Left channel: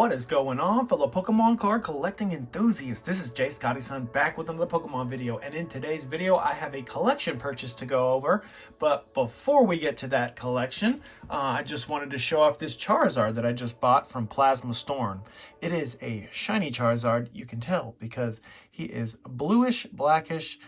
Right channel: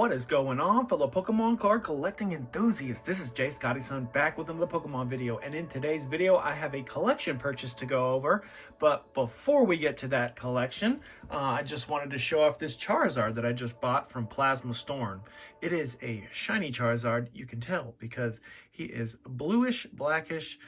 What is going on, fellow Pokemon card collecting enthusiasts? This is Jay Scotty's son back with another Pokemon video, and in today's video I have a collection purchase to go over. But before we get to that collection, I just wanted to show off this Charizard that I just bought from Plasma Storm. It is a shiny Charizard, you can tell, because he is bluish, blackish.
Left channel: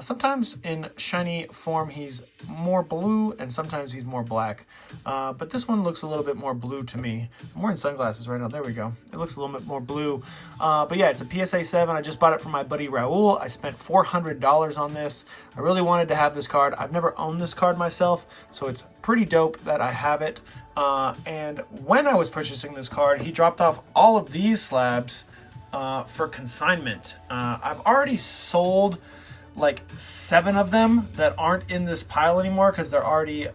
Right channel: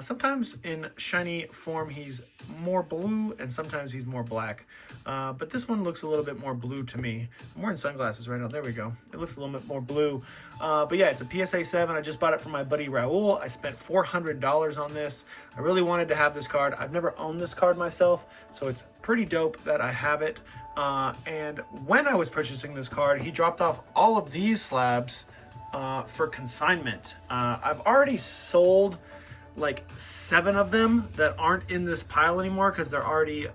Sometimes in shiny form he's more blue and sometimes he's more black. But this one looks a little bit more blue to me. I'm wearing sunglasses right now. There we go. It looks a little bit more blue. But yeah, it's a PSA 7. I just bought it from my buddy Raul. I spent $400 on this. I really wanted to have this card. I've never owned this card myself, so it's pretty dope that I have it. And when I was purchasing this card, he dropped off all of these slabs for consignment. I've already sold like 7 of them that aren't in this pile anymore because they're already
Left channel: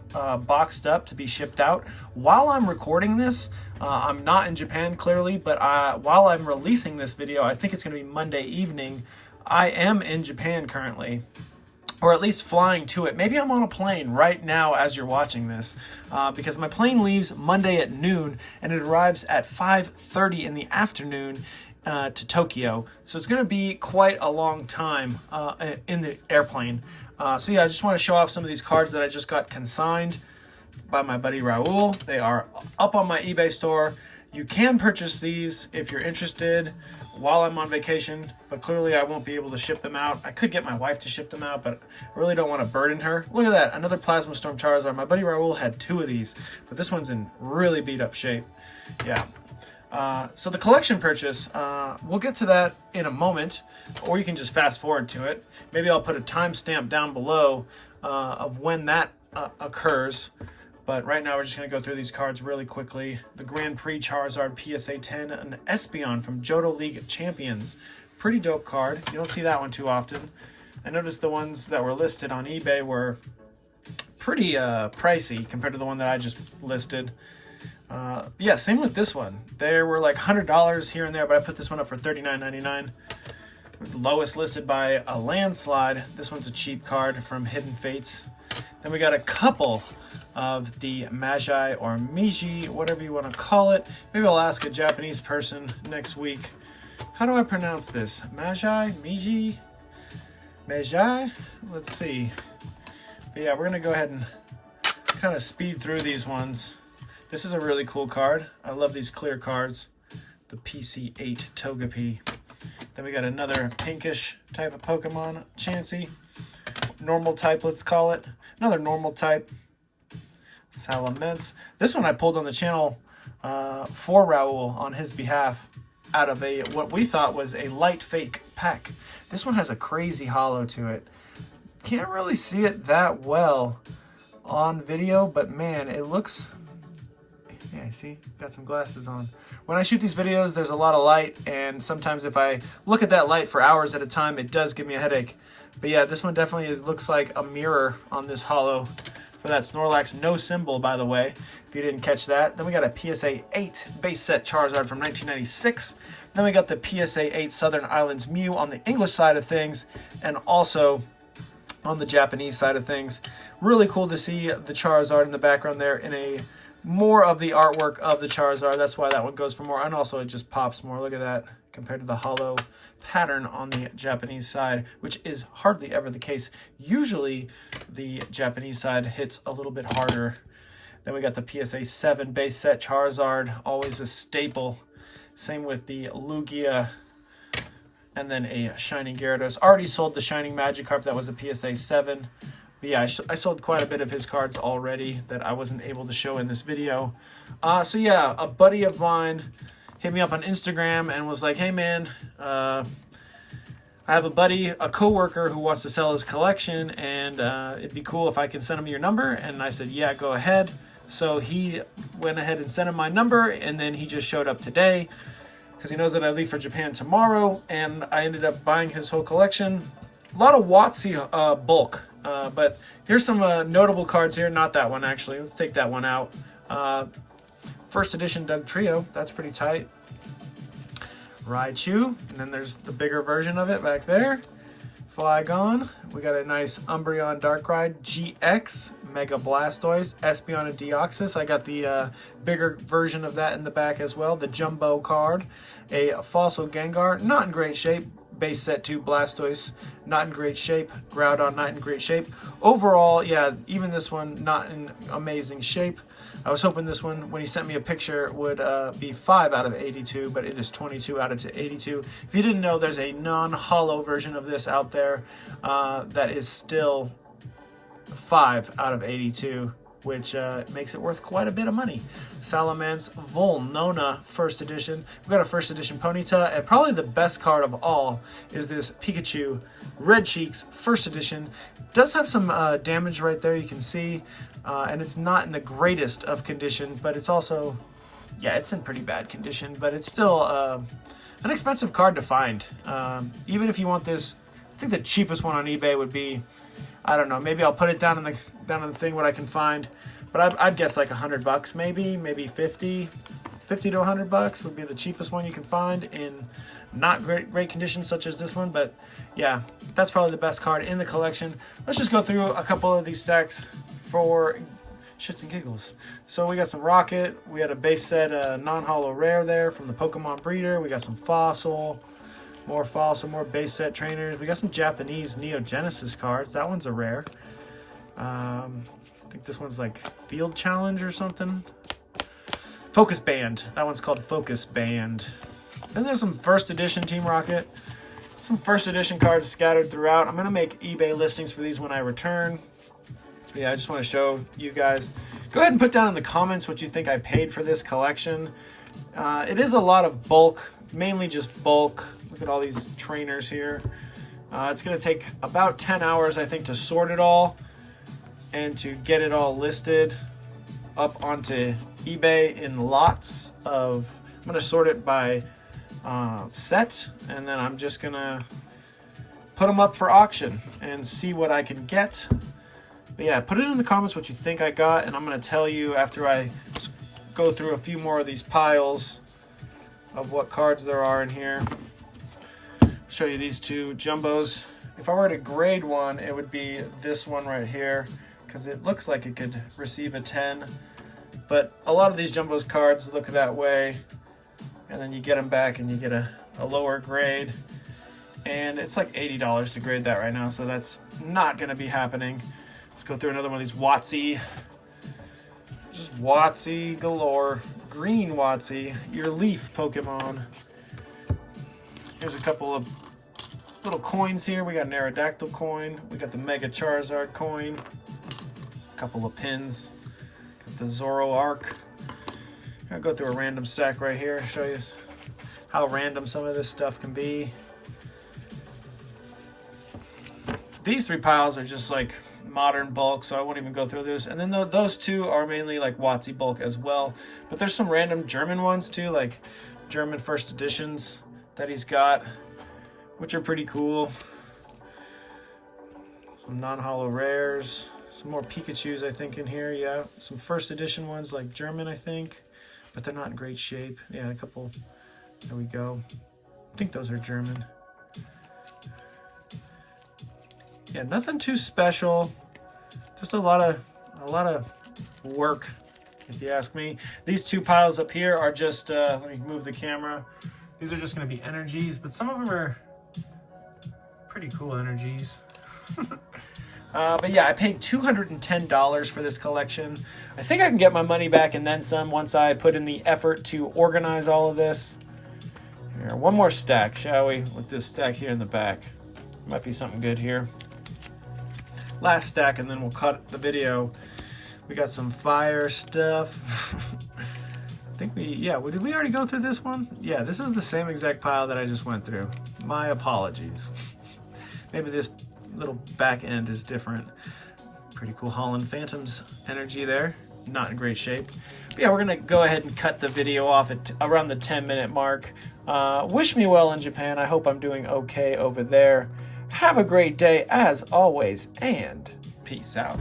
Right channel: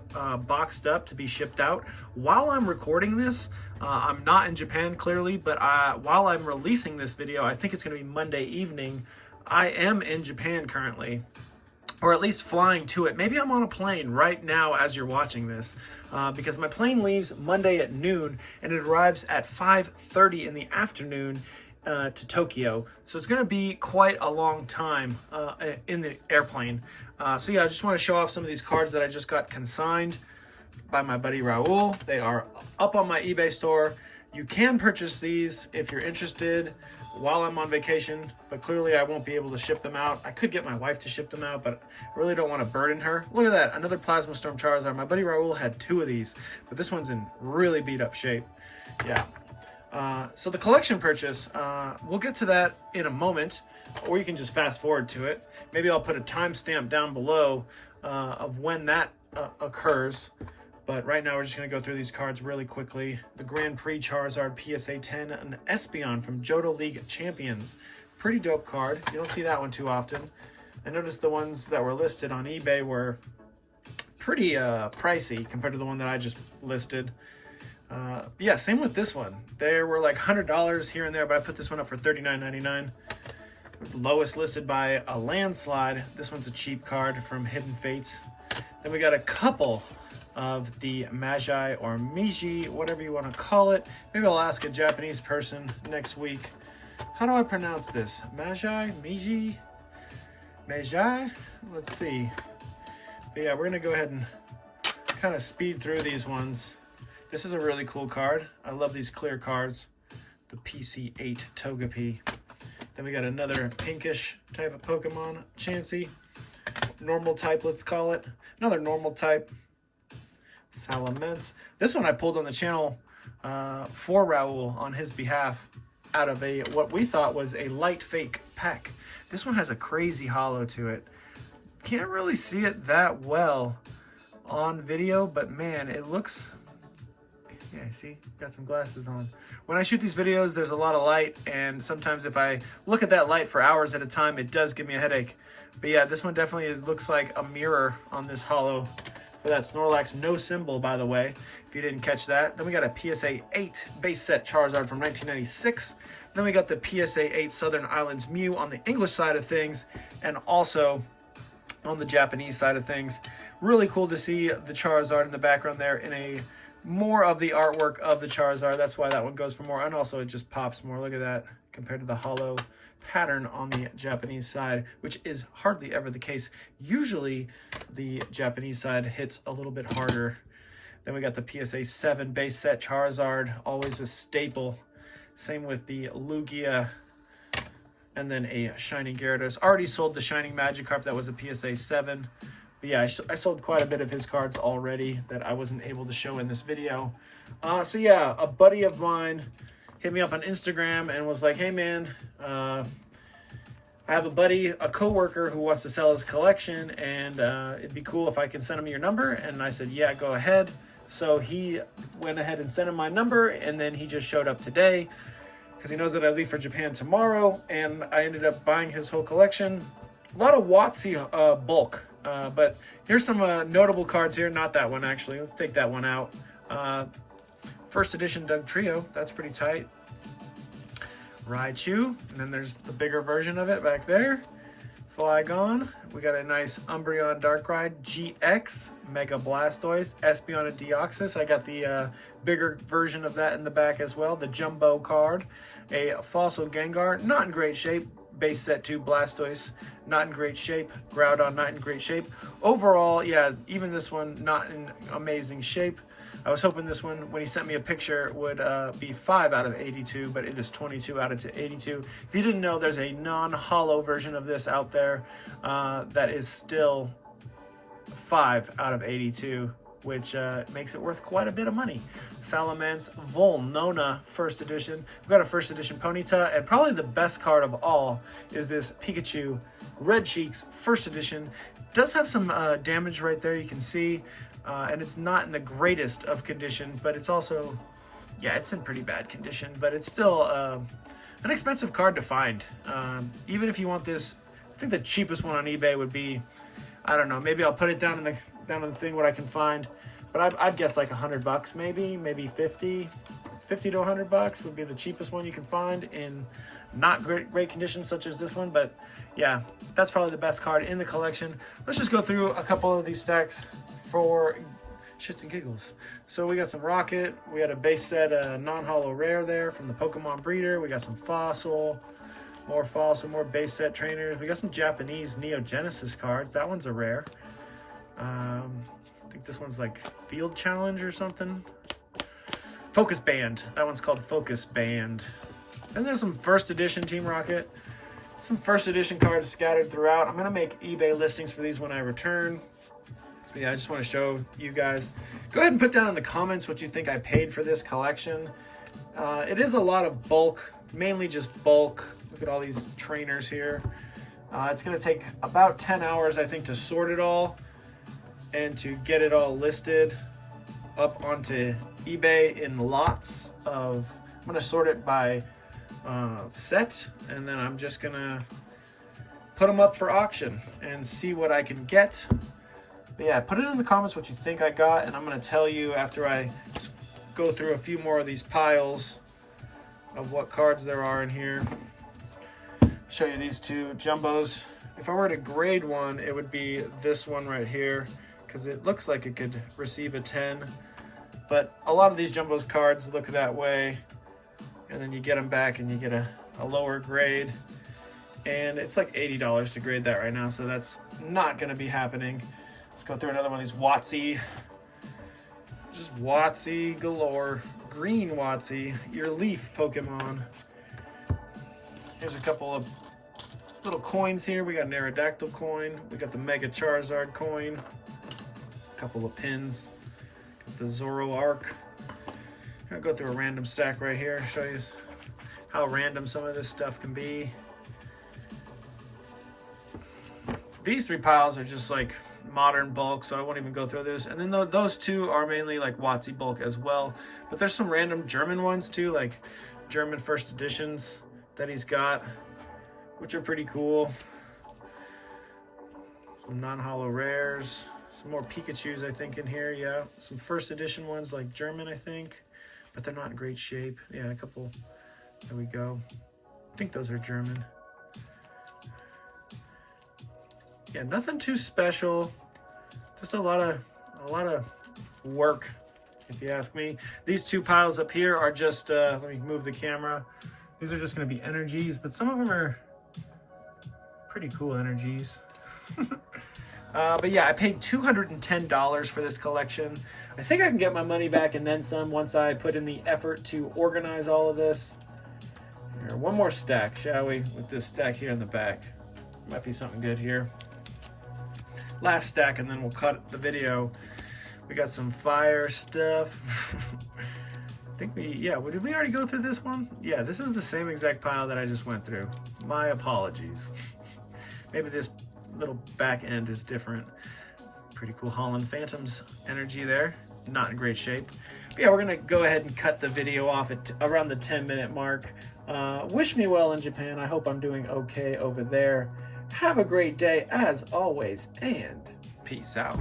boxed up to be shipped out. While I'm recording this, I'm not in Japan clearly, but while I'm releasing this video, I think it's going to be Monday evening, I am in Japan currently, or at least flying to it. Maybe I'm on a plane right now as you're watching this, because my plane leaves Monday at noon and it arrives at 5:30 in the afternoon to Tokyo. So it's going to be quite a long time in the airplane. So yeah, I just want to show off some of these cards that I just got consigned by my buddy Raul. They are up on my eBay store. You can purchase these if you're interested while I'm on vacation, but clearly I won't be able to ship them out. I could get my wife to ship them out, but I really don't want to burden her. Look at that, another Plasma Storm Charizard. My buddy Raul had 2 of these, but this one's in really beat up shape. Yeah. So the collection purchase, we'll get to that in a moment, or you can just fast forward to it. Maybe I'll put a timestamp down below of when that occurs. But right now we're just going to go through these cards really quickly. The Grand Prix Charizard PSA 10, an Espeon from Johto League Champions. Pretty dope card. You don't see that one too often. I noticed the ones that were listed on eBay were pretty pricey compared to the one that I just listed. Yeah, same with this one. There were like $100 here and there, but I put this one up for $39.99. Lowest listed by a landslide. This one's a cheap card from Hidden Fates. Then we got a couple of the Magi or Miji, whatever you want to call it. Maybe I'll ask a Japanese person next week. How do I pronounce this? Magi? Miji? Magi? Let's see. But yeah, we're going to go ahead and kind of speed through these ones. This is a really cool card. I love these clear cards. The PC8 Togepi. Then we got another pinkish type of Pokemon, Chansey. Normal type, let's call it. Another normal type, Salamence. This one I pulled on the channel for Raul on his behalf out of what we thought was a light fake pack. This one has a crazy holo to it. Can't really see it that well on video, but man, it looks... Yeah, see, got some glasses on. When I shoot these videos, there's a lot of light, and sometimes if I look at that light for hours at a time, it does give me a headache. But yeah, this one definitely looks like a mirror on this holo for that Snorlax. No symbol, by the way, if you didn't catch that. Then we got a PSA 8 base set Charizard from 1996. Then we got the PSA 8 Southern Islands Mew on the English side of things, and also on the Japanese side of things. Really cool to see the Charizard in the background there in a more of the artwork of the Charizard. That's why that one goes for more. And also it just pops more. Look at that compared to the holo pattern on the Japanese side, which is hardly ever the case. Usually the Japanese side hits a little bit harder. Then we got the PSA 7 base set Charizard, always a staple. Same with the Lugia, and then a Shining Gyarados. Already sold the Shining Magikarp. That was a PSA 7. But yeah, I sold quite a bit of his cards already that I wasn't able to show in this video. So yeah, a buddy of mine hit me up on Instagram and was like, hey man, I have a buddy, a coworker who wants to sell his collection, and it'd be cool if I can send him your number. And I said, yeah, go ahead. So he went ahead and sent him my number, and then he just showed up today because he knows that I leave for Japan tomorrow, and I ended up buying his whole collection. A lot of WotC bulk. But here's some notable cards here. Not that one, actually. Let's take that one out. First edition Doug Trio. That's pretty tight. Raichu. And then there's the bigger version of it back there. Flygon. We got a nice Umbreon Darkrai GX Mega Blastoise, Espeon and Deoxys. I got the bigger version of that in the back as well. The Jumbo card. A Fossil Gengar, not in great shape. Base set 2 Blastoise, not in great shape. Groudon, not in great shape. Overall, yeah, even this one, not in amazing shape. I was hoping this one, when he sent me a picture, would be 5 out of 82, but it is 22 out of 82. If you didn't know, there's a non-holo version of this out there that is still 5 out of 82, which makes it worth quite a bit of money. Salamence Volnona First Edition. We've got a First Edition Ponyta, and probably the best card of all is this Pikachu Red Cheeks First Edition. It does have some damage right there, you can see, and it's not in the greatest of condition, but it's also, yeah, it's in pretty bad condition, but it's still an expensive card to find. Even if you want this, I think the cheapest one on eBay would be, I don't know, maybe I'll put it down in the thing what I can find, but I'd guess like $100 maybe 50 to $100 would be the cheapest one you can find in not great conditions such as this one. But yeah, that's probably the best card in the collection. Let's just go through a couple of these stacks for shits and giggles. So we got some Rocket, we had a base set non-holo rare there from the Pokemon breeder, we got some Fossil, more base set trainers. We got some Japanese Neo Genesis cards. That one's a rare. I think this one's like Field Challenge or something. Focus Band. That one's called Focus Band. Then there's some First Edition Team Rocket. Some First Edition cards scattered throughout. I'm going to make eBay listings for these when I return. Yeah, I just want to show you guys. Go ahead and put down in the comments what you think I paid for this collection. It is a lot of bulk, mainly just bulk. Look at all these trainers here. It's going to take about 10 hours, I think, to sort it all and to get it all listed up onto eBay in lots of, I'm going to sort it by set, and then I'm just going to put them up for auction and see what I can get. But yeah, put it in the comments what you think I got, and I'm going to tell you after I go through a few more of these piles of what cards there are in here. Show you these two jumbos. If I were to grade one, it would be this one right here, because it looks like it could receive a 10. But a lot of these jumbos cards look that way, and then you get them back and you get a lower grade. And it's like $80 to grade that right now, so that's not going to be happening. Let's go through another one of these WotC. Just WotC galore. Green WotC, your Leaf Pokemon. Here's a couple of little coins here. We got an Aerodactyl coin. We got the Mega Charizard coin. A couple of pins. Got the Zoroark. I'll go through a random stack right here. Show you how random some of this stuff can be. These three piles are just like modern bulk, so I won't even go through this. And then those two are mainly like WotC bulk as well. But there's some random German ones too, like German first editions that he's got, which are pretty cool. Some non-holo rares, some more Pikachus I think in here. Yeah, some first edition ones like German I think, but they're not in great shape. Yeah, a couple. There we go. I think those are German. Yeah, nothing too special. Just a lot of work, if you ask me. These two piles up here are just, let me move the camera. These are just going to be energies, but some of them are pretty cool energies. But yeah, I paid $210 for this collection. I think I can get my money back and then some once I put in the effort to organize all of this. Here, one more stack, shall we? With this stack here in the back. Might be something good here. Last stack, and then we'll cut the video. We got some fire stuff. I think did we already go through this one? Yeah, this is the same exact pile that I just went through. My apologies. Maybe this little back end is different. Pretty cool Holland Phantoms energy there. Not in great shape. But yeah, we're gonna go ahead and cut the video off at around the 10-minute mark. Wish me well in Japan. I hope I'm doing okay over there. Have a great day as always, and peace out.